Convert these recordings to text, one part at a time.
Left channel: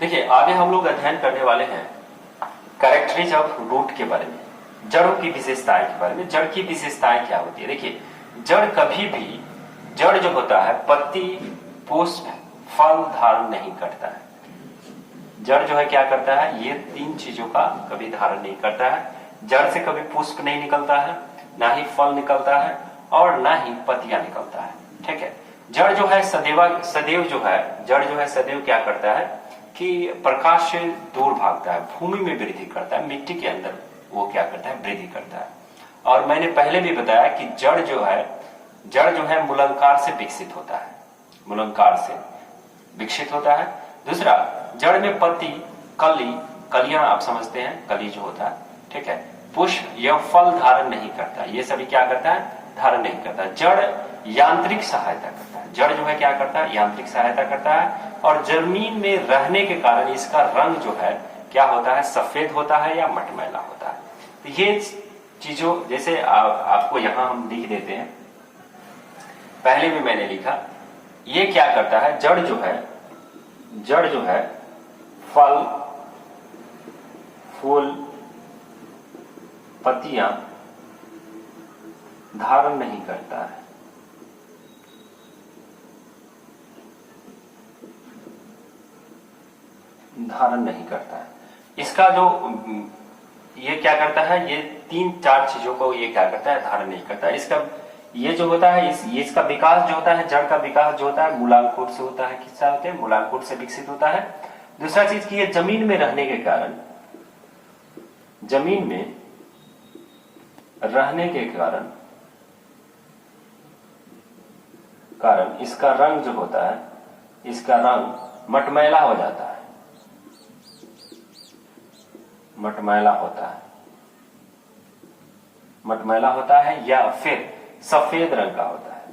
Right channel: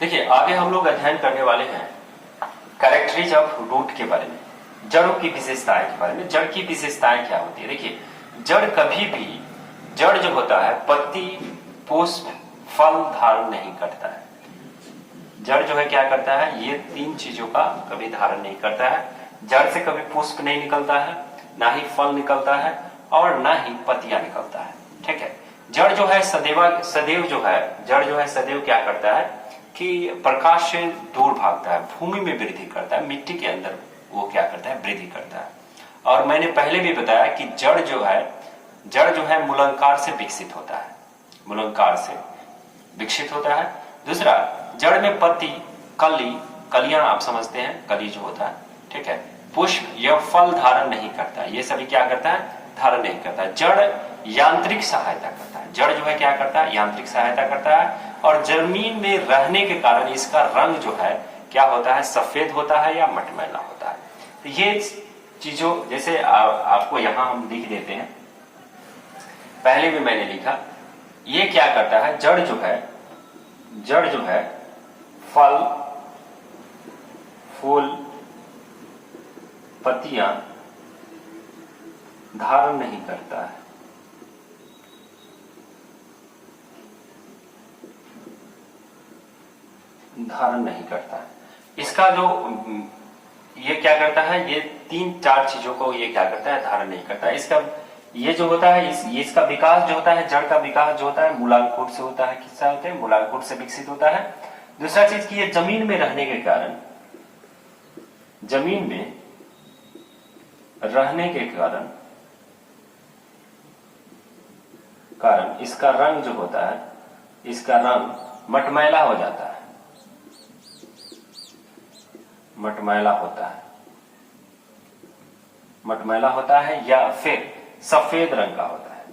देखिए आगे हम लोग अध्ययन करने वाले हैं कैरेक्टरीज ऑफ रूट के बारे में, जड़ों की विशेषताएं के बारे में। जड़ की विशेषताएं क्या होती है? देखिए जड़ कभी भी, जड़ जो होता है पत्ती पुष्प फल धारण नहीं करता है। जड़ जो है क्या करता है? ये तीन चीजों का कभी धारण नहीं करता है। जड़ से कभी पुष्प नहीं निकलता है, ना ही फल निकलता है और ना ही पत्तियां निकलता है। ठीक है। जड़ जो है सदैव जो है, जड़ जो है सदैव क्या करता है कि प्रकाश से दूर भागता है, भूमि में वृद्धि करता है, मिट्टी के अंदर वो क्या करता है? वृद्धि करता है। और मैंने पहले भी बताया कि जड़ जो है मूलांकार से विकसित होता है, मूलांकार से विकसित होता है। दूसरा, जड़ में पत्ती, कलियां आप समझते हैं, कली जो होता है, ठीक है, पुष्प या फल धारण नहीं करता। ये सभी क्या करता है? धारण नहीं करता। जड़ यांत्रिक सहायता करता है। जड़ जो है क्या करता है? यांत्रिक सहायता करता है। और जमीन में रहने के कारण इसका रंग जो है क्या होता है? सफेद होता है या मटमैला होता है। तो ये चीजों, जैसे आपको यहां हम लिख देते हैं, पहले भी मैंने लिखा, ये क्या करता है? जड़ जो है फल फूल पत्तियां धारण नहीं करता है। धारण नहीं करता है। इसका जो ये क्या करता है? ये तीन चार चीजों को ये क्या करता है? धारण नहीं करता है। इसका ये जो होता है, इसका विकास जो होता है, जड़ का विकास जो होता है मूलांकुर से होता है। किससे होते हैं? मूलांकुर से विकसित होता है। दूसरा चीज की ये जमीन में रहने के कारण, जमीन में रहने के कारण इसका रंग जो होता है, इसका रंग मटमैला हो जाता है, मटमैला होता है या फिर सफेद रंग का होता है।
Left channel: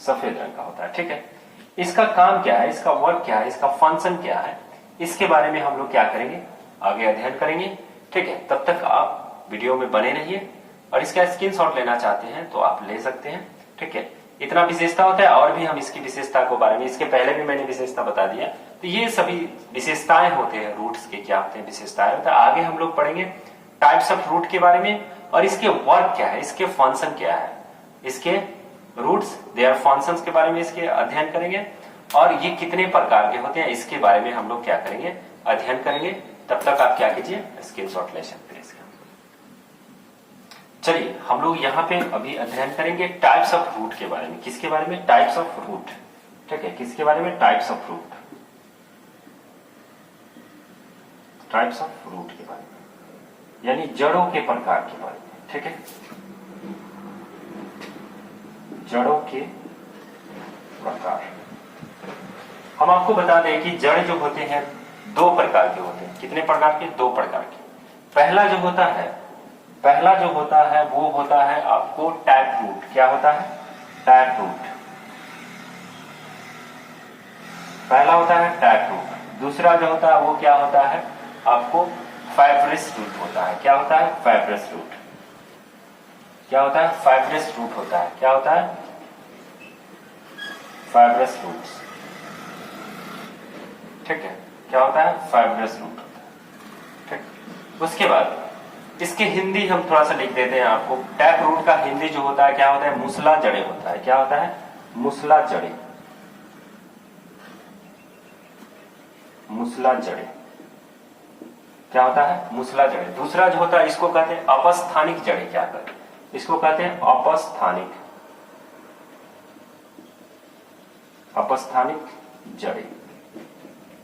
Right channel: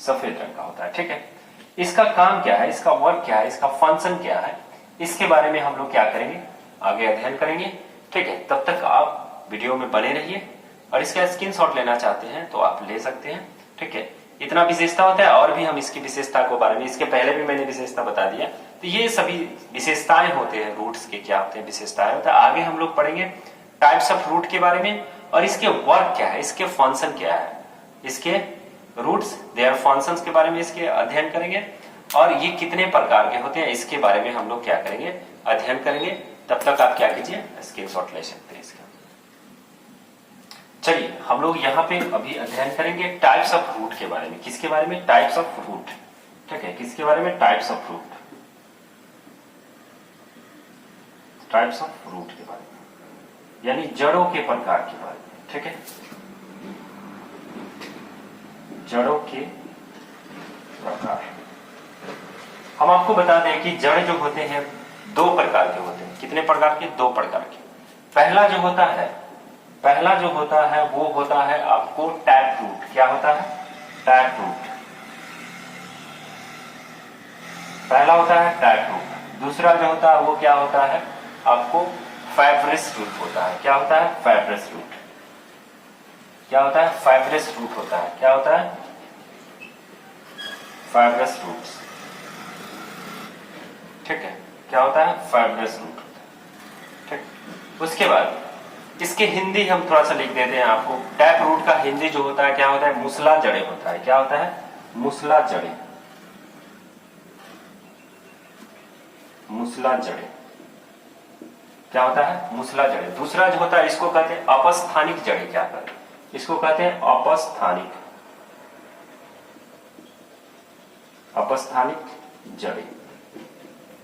सफेद रंग का होता है। ठीक है। इसका काम क्या है? इसका वर्क क्या है? इसका फंक्शन क्या है? इसके बारे में हम लोग क्या करेंगे? आगे अध्ययन करेंगे। ठीक है। तब तक आप वीडियो में बने रहिए और इसका स्क्रीनशॉट लेना चाहते हैं तो आप ले सकते हैं। ठीक है। इतना विशेषता होता है और भी हम इसकी विशेषता को बारे में, इसके पहले भी मैंने विशेषता बता दिया। तो ये सभी विशेषताएं होते हैं, रूट्स के क्या होते हैं? विशेषताएं होता है। आगे हम लोग पढ़ेंगे टाइप्स ऑफ रूट के बारे में और इसके वर्क क्या है, इसके फंक्शन क्या है, इसके रूट्स देयर फंक्शंस के बारे में इसके अध्ययन करेंगे और ये कितने प्रकार के होते हैं इसके बारे में हम लोग क्या करेंगे? अध्ययन करेंगे। तब तक आप क्या कीजिए? स्क्रीनशॉट ले सकते हैं इसका। चलिए हम लोग यहाँ पे अभी अध्ययन करेंगे टाइप्स ऑफ रूट के बारे में। किसके बारे में? Types of root. ठीक है। किसके बारे में? Types of root. Types of root के बारे में, यानी जड़ों के प्रकार के बारे में। ठीक है। जड़ों के प्रकार। हम आपको बता दें कि जड़ जो होते हैं दो प्रकार के होते हैं। कितने प्रकार के? दो प्रकार के। पहला जो होता है वो होता है आपको टैप रूट। क्या होता है? Tap root. पहला होता है टैप रूट। दूसरा जो होता है वो क्या होता है? आपको फाइब्रस रूट होता है। क्या होता है? Fibrous root. क्या होता है? फाइब्रस रूट होता है। क्या होता है? Fibrous root. ठीक है। क्या होता है? फाइब्रस रूट होता है। ठीक। उसके बाद इसके हिंदी हम थोड़ा सा लिख देते हैं आपको। टैप रूट का हिंदी जो होता है क्या होता है? मूसला जड़े होता है। क्या होता है? मूसला जड़े। मूसला जड़े। क्या होता है? मूसला जड़े। दूसरा जो होता है इसको कहते हैं अपस्थानिक जड़े। क्या कहते हैं? इसको कहते हैं अपस्थानिक, अपस्थानिक जड़े।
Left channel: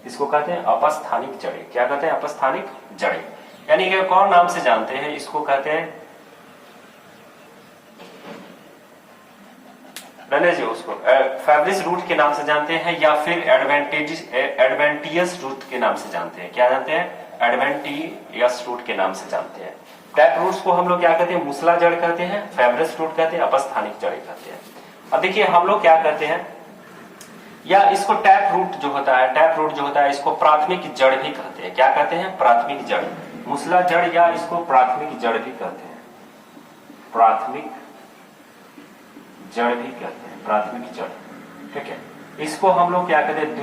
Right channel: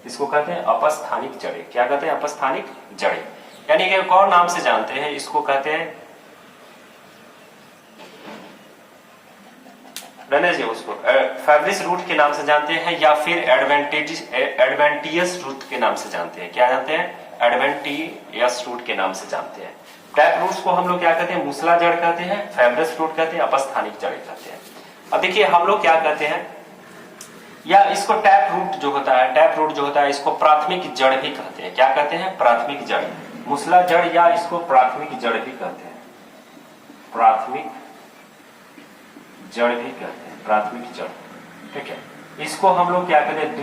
इसको कहते हैं अपस्थानिक जड़े। क्या कहते हैं? अपस्थानिक जड़े। यानी कि एक और नाम से जानते हैं, इसको कहते हैं, रहने जी उसको फाइब्रस रूट के नाम से जानते हैं या फिर एडवेंटियस रूट के नाम से जानते हैं। क्या जानते हैं? एडवेंटियस रूट के नाम से जानते हैं। टैप रूट्स को हम लोग क्या कहते हैं? मूसला जड़ कहते हैं, फाइब्रस रूट कहते हैं, अपस्थानिक जड़ कहते हैं। अब देखिए हम लोग क्या कहते हैं, या इसको टैप रूट जो होता है इसको प्राथमिक जड़ भी कहते हैं। क्या कहते हैं? प्राथमिक जड़। मूसला जड़ या इसको प्राथमिक जड़ भी कहते हैं। प्राथमिक जड़ भी कहते हैं, प्राथमिक जड़। ठीक है, इसको हम लोग क्या कहते हैं,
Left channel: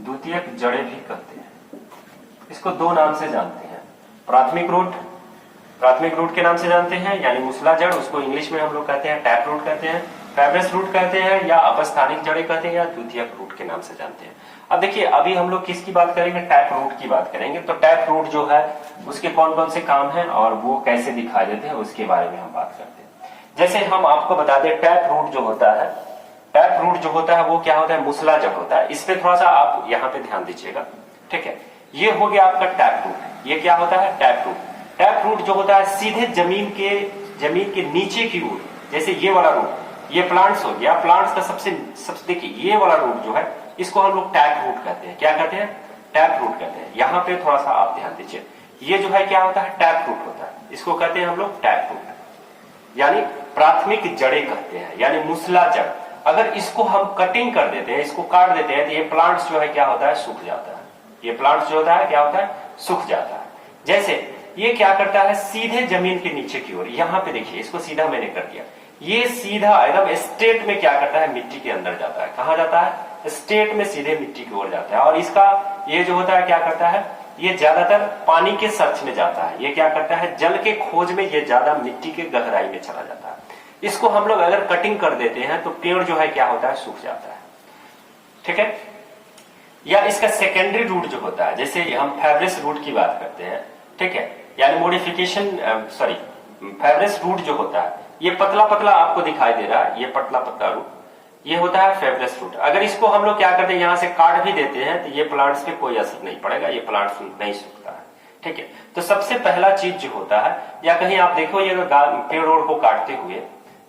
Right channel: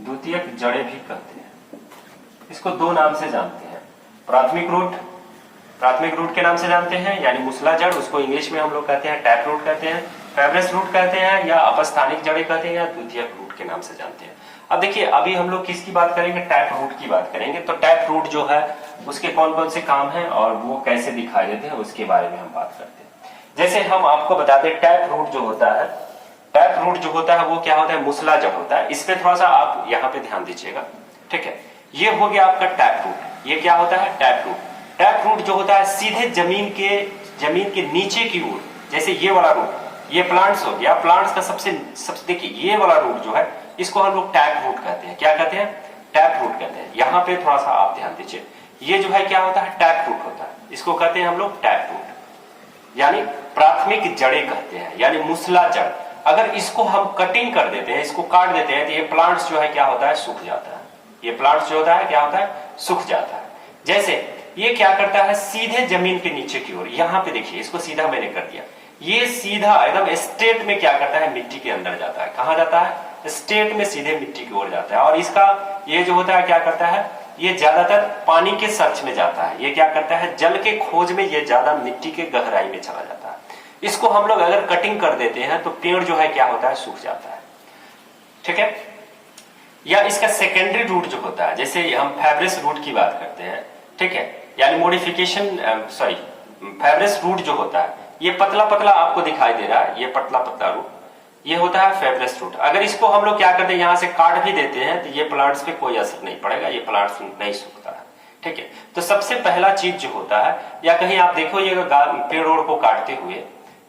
द्वितीयक जड़ें भी कहते हैं। इसको दो नाम से जानते हैं, प्राथमिक रूट के नाम से जानते हैं, यानी मूसला जड़, उसको इंग्लिश में हम लोग कहते हैं टैप रूट कहते हैं, फाइब्रस रूट कहते हैं, या अपस्थानिक जड़ें कहते हैं, या द्वितीयक रूट के नाम से जानते हैं। अब देखिए, अभी हम लोग किसकी बात करेंगे, टैप रूट की बात करेंगे। तो टैप रूट जो है उसके कौन कौन से काम हैं और वो कैसे दिखाई देते हैं, उसके बारे में हम बात करते हैं। जैसे हम आपको बता दें, टैप रूट जो होता है वो क्या होता है, मूसला जड़ होता है। इस पे थोड़ा सा आप यहाँ पे ध्यान दीजिएगा। ठीक है, ये हो गया आपका टैप रूट। ये क्या होता है, टैप रूट। टैप रूट जो होता है सीधे जमीन के नीचे की ओर, जैसे ये वाला रूट, ये प्लांट्स हो गया, प्लांट्स का सबसे देखिए ये वाला रूट जो है इसको हम लोग टैप रूट कहते हैं। क्या कहते हैं, टैप रूट कहते हैं। यहाँ पे थोड़ा सा आप ध्यान दीजिए, ये जो है क्या होता है, टैप रूट होता है। इसको कहते हैं हम लोग टैप रूट, यानी प्राथमिक जड़ें कहते हैं, यानी मूसला जड़। अगर इसको हम कटिंग कर देते हैं, इसको काट देते हैं, तो ये प्लांट्स जो है क्या होता है, सूख जाता है। ये प्लांट्स जो होता है क्या होता है, सूख जाता है। जैसे ये क्या करता है, सीधे जमीन के नीचे की ओर, यहाँ पे देखिए, इसको सीधा मैंने कर दिया, ये सीधा एकदम स्ट्रेट में क्या करता है, मिट्टी के अंदर जाता है। कहां जाता है, स्ट्रेट में सीधे मिट्टी की ओर जाता है। और इसका ये जो होता है क्या करता है, ये ज्यादातर पानी के सर्च में जाता है। ये क्या करता है, जल के खोज में ये ज्यादा मिट्टी के गहराई में चला जाता है। इसको हम लोग अगर कटिंग कर देते हैं तो पेड़ जो है क्या होता है, सूख जाता है। ठीक है, या इसका सेकेंडरी रूट जो होता है, जैसे हम फाइब्रस रूट की बात करते हैं। ठीक है, यानी मॉडिफिकेशन फाइब्रस रूट जो होता है, ये पतला पतला आपको दिखाई दे रहा है, ये पतला पतला रूट, ये होता है फाइब्रस रूट। अगर इसको हम लोग क्या करते हैं, यहां से काट भी देते हैं, तो ये प्लांट्स पे कोई असर नहीं पड़ेगा, ये प्लांट्स नहीं सूखता है। ठीक है, तो सबसे पहला चीज जो होता है, या कहीं आप देखो ये पेड़ ओड़ को काटते हुए,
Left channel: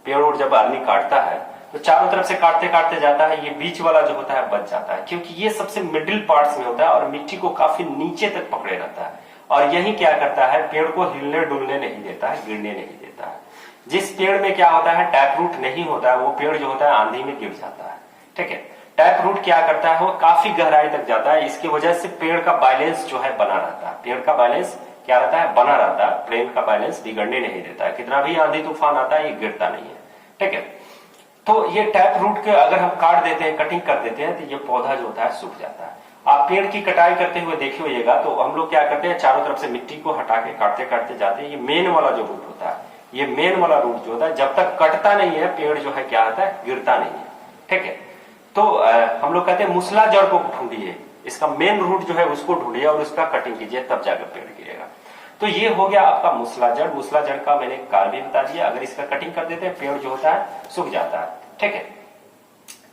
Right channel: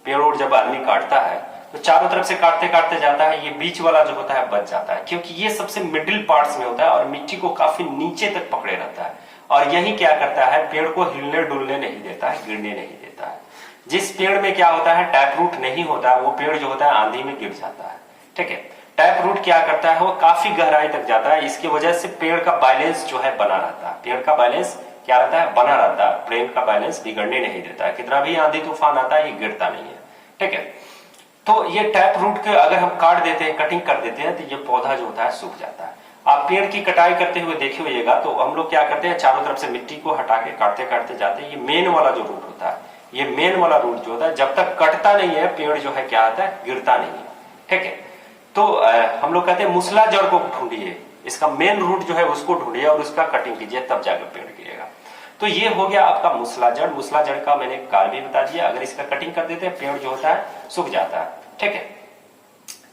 पेड़ ओड़ जब आदमी काटता है तो चारों तरफ से काटते काटते जाता है, ये बीच वाला जो होता है बच जाता है, क्योंकि ये सबसे मिडिल पार्ट्स में होता है और मिट्टी को काफी नीचे तक पकड़े रहता है। और यही क्या करता है, पेड़ को हिलने डुलने नहीं देता है, गिरने नहीं देता है। जिस पेड़ में क्या होता है, टैप रूट नहीं होता है, वो पेड़ जो होता है आंधी में गिर जाता है। ठीक है, टैप रूट क्या करता है, वो काफी गहराई तक जाता है। इसकी वजह से पेड़ का बैलेंस जो है बना रहता है। पेड़ का बैलेंस क्या रहता है, बना रहता है। प्लेन का बैलेंस बिगड़ने नहीं देता है। कितना भी आंधी तूफान आता है, ये गिरता नहीं है। ठीक है, तो ये टैप रूट के अगर हम काट देते हैं, कटिंग कर देते हैं, तो ये पौधा जो होता है सूख जाता है। आप पेड़ की कटाई करते हुए देखे होइएगा, तो हम लोग क्या करते हैं, चारों तरफ से मिट्टी को हटा के काटते काटते जाते हैं। ये मेन वाला जो रूट होता है, ये मेन वाला रूट जो होता है, जब तक कटता नहीं है पेड़ जो है क्या होता है, गिरता नहीं है। ठीक है, तो हम लोग कहते हैं मूसला जड़ को ढूंढिए, इसका मेन रूट जो है उसको ढूंढिए और उसका कटिंग कीजिए, तब जाकर पेड़ गिरेगा। तो ये हो गया आपका मूसला जड़। मूसला जड़ का मैंने कार्य भी बता दिया। अगर इसका कटिंग कर देते हैं, पेड़ जो होता है सूख जाता है। ठीक है,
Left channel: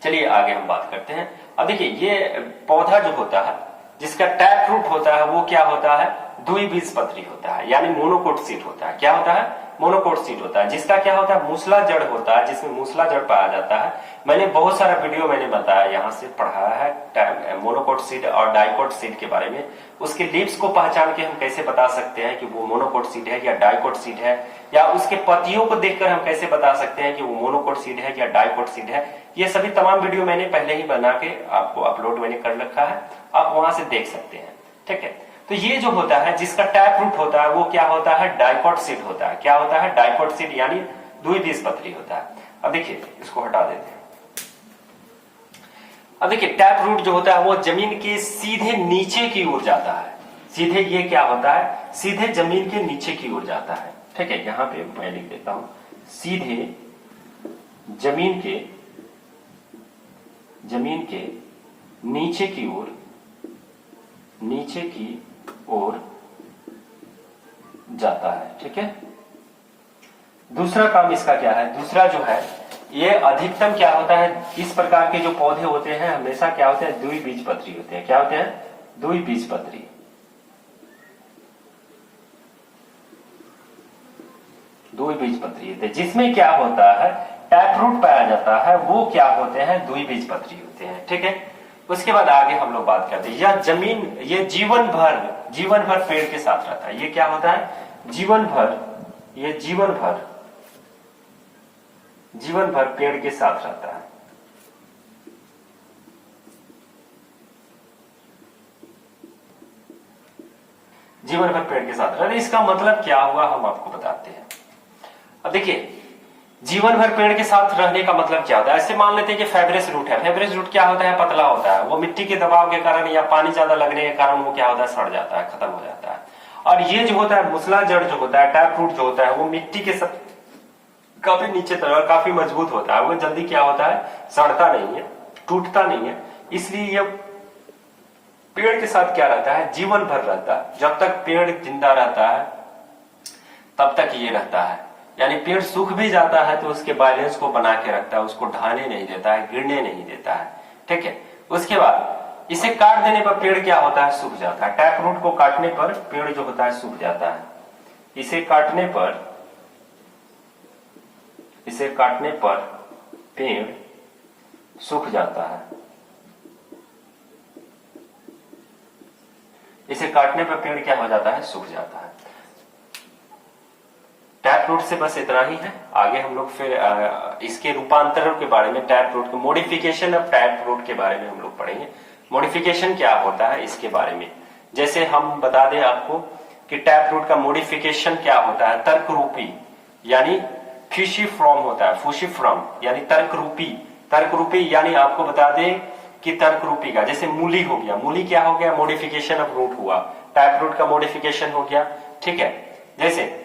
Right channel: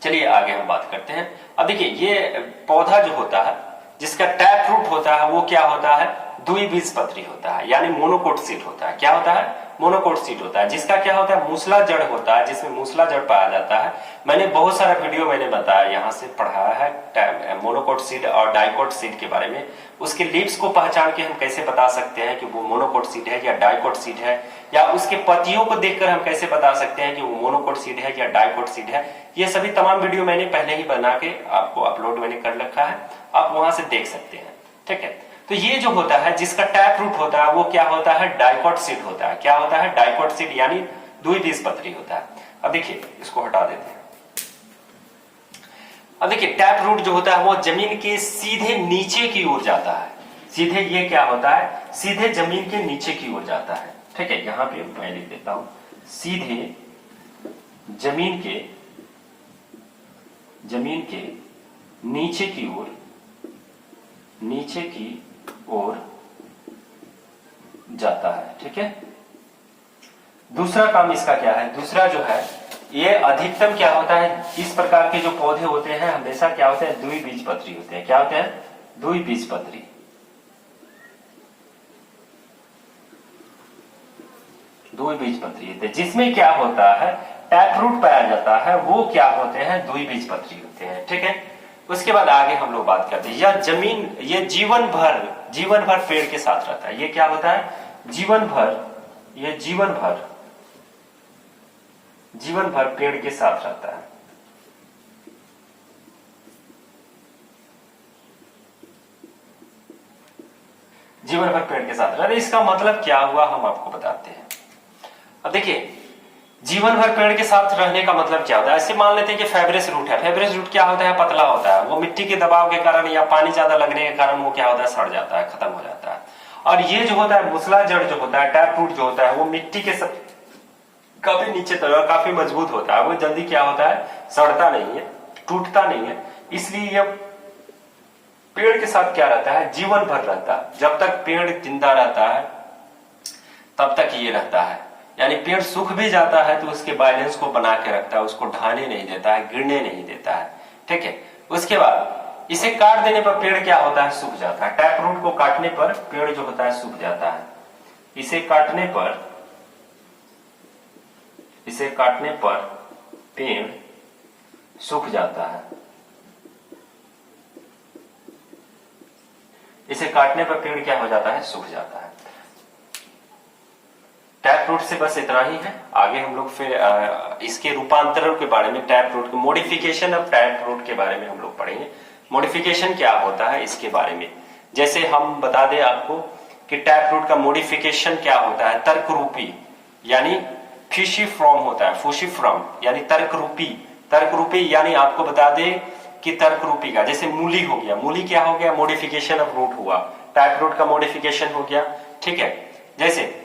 चलिए आगे हम बात करते हैं। अब देखिए, ये पौधा जो होता है जिसका टैप रूट होता है, वो क्या होता है, द्विबीजपत्री होता है, यानी मोनोकोट सीड होता है। क्या होता है, मोनोकोट सीड होता है। जिसका क्या होता है, मूसला जड़ होता है, जिसमें मूसला जड़ पाया जाता है। मैंने बहुत सारा वीडियो मैंने बताया, यहाँ से पढ़ाया है मोनोकोट सीड और डाइकोट सीड के बारे में। उसके लीव्स को पहचान के हम कैसे बता सकते हैं कि वो मोनोकोट सीड है या डाइकोट सीड है, या उसके पत्तियों को देखकर हम कैसे बता सकते हैं कि वो मोनोकोट सीड है या डाइकोट सीड है। ये सभी तमाम वीडियो मैंने पहले ही बना के आपको अपलोड मैंने कर रखा है, आप वहां से देख सकते हैं। ठीक है, तो ये जो होता है जिसका टैप रूट होता है, वो क्या होता है, डाइकोट सीड होता है। क्या होता है, डाइकोट सीड, यानी द्विबीजपत्री होता है। अब देखिए, इसको हटा देते हैं। अब देखिए, टैप रूट जो होता है वो जमीन के सीधे नीचे की ओर जाता है। सीधे ये क्या होता है, सीधे जमीन के नीचे की ओर जाता है। ठीक है, यहां पे मैं लिख देता हूं, सीधे जमीन के नीचे की ओर जाता है। ठीक है, दूसरा काम इसका क्या है, दूसरा जो है, ये अधिकतम क्या होता है, इस प्रकार के जो पौधे होते हैं हमेशा क्या होते हैं, द्विबीजपत्री होते हैं। क्या होते हैं, द्विबीजपत्री। द्विबीजपत्री होते हैं। जिसमें क्या होता है, टैप रूट पाया जाता है, वो क्या होते हैं, द्विबीजपत्री होते हैं। ठीक है, उसके बाद आगे हम लोग बात करते हैं, यह जमीन, ये जीवन भर पेड़ के साथ रहता है। ये क्या होता है, जीवन भर पेड़ के साथ रहता है। जीवन भर पेड़ के साथ रहता है। इसका मतलब क्या हुआ, हम आपको बताते हैं। अब देखिए जीवन भर पेड़ के साथ रहने का मतलब क्या होता है। ऐसे मान लेते हैं कि फाइब्रस रूट है। फाइब्रस रूट क्या होता है, पतला होता है, वो मिट्टी के दबाव के कारण या पानी ज्यादा लगने के कारण वो क्या होता है, सड़ जाता है, खत्म हो जाता है। और ये जो होता है मुसला जड़ जो होता है, टैप रूट जो होता है, वो मिट्टी के काफी नीचे तक काफी मजबूत होता है, वो जल्दी क्या होता है, सड़ता नहीं है, टूटता नहीं है। इसलिए यह पेड़ के साथ क्या रहता है, जीवन भर रहता है। जब तक पेड़ जिंदा रहता है तब तक ये रहता है। यानी पेड़ सूख भी जाता है तो उसके बैलेंस को बना के रखता है, उसको ढाने नहीं देता है, गिरने नहीं देता है। ठीक है, उसके बाद इसे काट देने पर पेड़ क्या होता है, सूख जाता है। टैप रूट को काटने पर पेड़ जो होता है सूख जाता है। इसे काटने पर पेड़ सूख जाता है। इसे काटने पर पेड़ क्या हो जाता है, सूख जाता है। टैप रूट से बस इतना ही है। आगे हम लोग फिर इसके रूपांतरण के बारे में, टैप रूट को मॉडिफिकेशन ऑफ टैप रूट के बारे में हम लोग पढ़ेंगे। मॉडिफिकेशन क्या होता है इसके बारे में, जैसे हम बता दें आपको कि टैप रूट का मॉडिफिकेशन क्या होता है, तर्क रूपी यानी फ्यूसिफॉर्म होता है, फ्यूसिफॉर्म यानी तर्क रूपी यानी आपको बता दें कि तर्क रूपी का, जैसे मूली हो गया, मूली क्या हो गया, मॉडिफिकेशन ऑफ रूट हुआ, टैप रूट का मॉडिफिकेशन हो गया। ठीक है, जैसे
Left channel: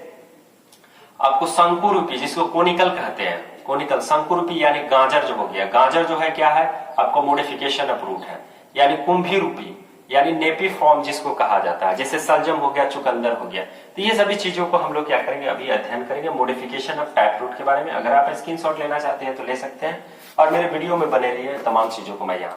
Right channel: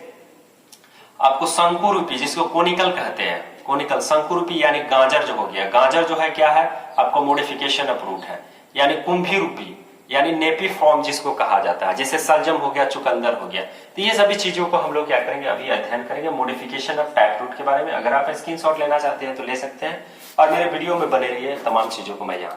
आपको शंकुरूपी जिसको कोनिकल कहते हैं, कोनिकल शंकुरूपी यानी गाजर जो हो गया, गाजर जो है क्या है, आपको मॉडिफिकेशन ऑफ रूट है। यानी कुंभी रूपी यानी नेपी फॉर्म जिसको कहा जाता है, जैसे सलजम हो गया, चुकंदर हो गया। तो ये सभी चीजों को हम लोग क्या करेंगे, अभी अध्ययन करेंगे मॉडिफिकेशन ऑफ टैप रूट के बारे में। अगर आप स्क्रीनशॉट लेना चाहते हैं तो ले सकते हैं, और मेरे वीडियो में बने रहिए, तमाम चीजों को मैं यहाँ